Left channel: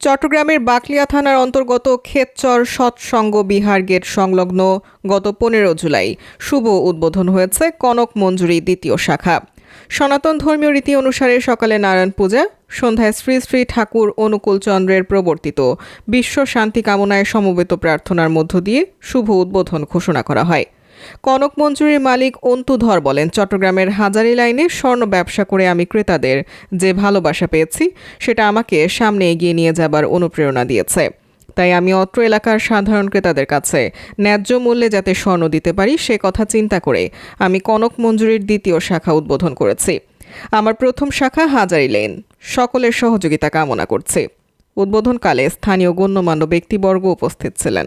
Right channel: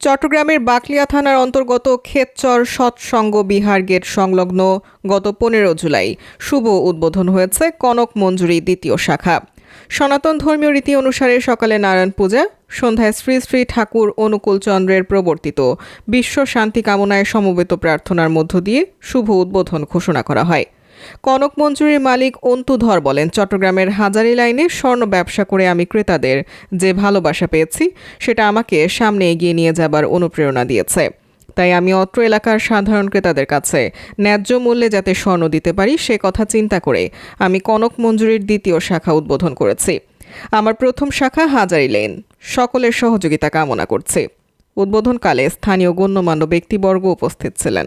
চট্টগ্রামের বাকলিয়া থানার অন্তর্গত ক্ষেতচর সৎসঙ্গ বিহার গেট সংলগ্ন গত পনেরো জুলাই শুভ উদ্বোধন হয়েছে কনক মঞ্জুরি দ্বিতীয় শাখা। সনাতন ধর্মীয় রীতি অনুসারে সকালে নারায়ণ পূজা, সন্ধ্যায় শ্রী শ্রী ঠাকুর অনুকূল চন্দ্রের প্রবর্তিত বিশ্ব শান্তি কামনায় সমবেত প্রার্থনার মধ্য দিয়ে শুভ উদ্বোধন ঘোষণা করা হয়। কনক মঞ্জুরির মালিক অন্তু ধর বলেন, চট্টগ্রামের হাজারি লাইনে স্বর্ণ ব্যবসা করে আমি ক্রেতাদের যে ভালোবাসা পেয়েছি, সেটা আমাকে সামনে এগিয়ে নিয়ে যাবার অনুপ্রেরণা দিয়েছে। তাই আমি অত্র এলাকার সাধারণ ক্রেতাদের কাছে ন্যায্য মূল্যে যাতে স্বর্ণ দিতে পারি, সে কথা চিন্তা করে আমি কনক মঞ্জুরির দ্বিতীয় শাখা উদ্বোধন করেছি। আমার প্রথম শাখা হাজারি লেন। সকলের সহযোগিতা কামনা করছি। উদ্বোধনকালে স্থানীয় গণ্যমান্য ব্যক্তিবর্গ উপস্থিত ছিলেন।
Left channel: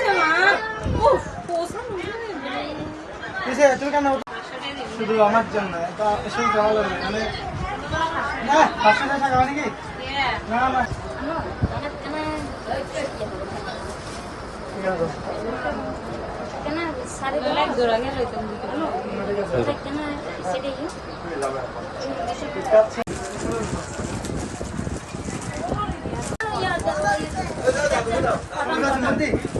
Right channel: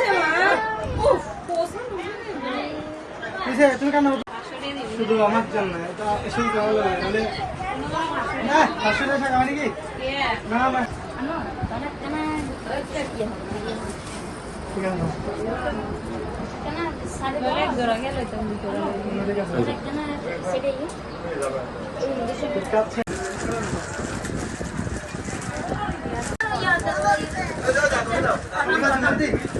কিসে মা উফ কিসে তুমি কেন শুধু আমার জন্য এটা শুধু কেমন লাগে মানে না পাঁচশো টাকা টাকা নাকি না না ঠিক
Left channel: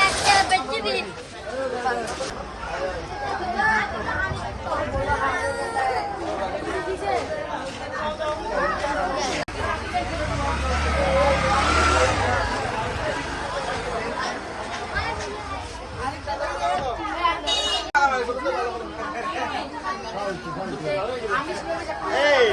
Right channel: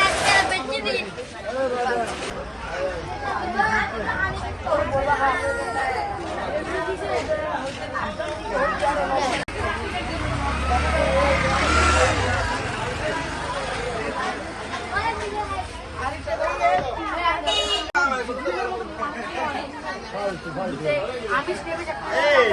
এই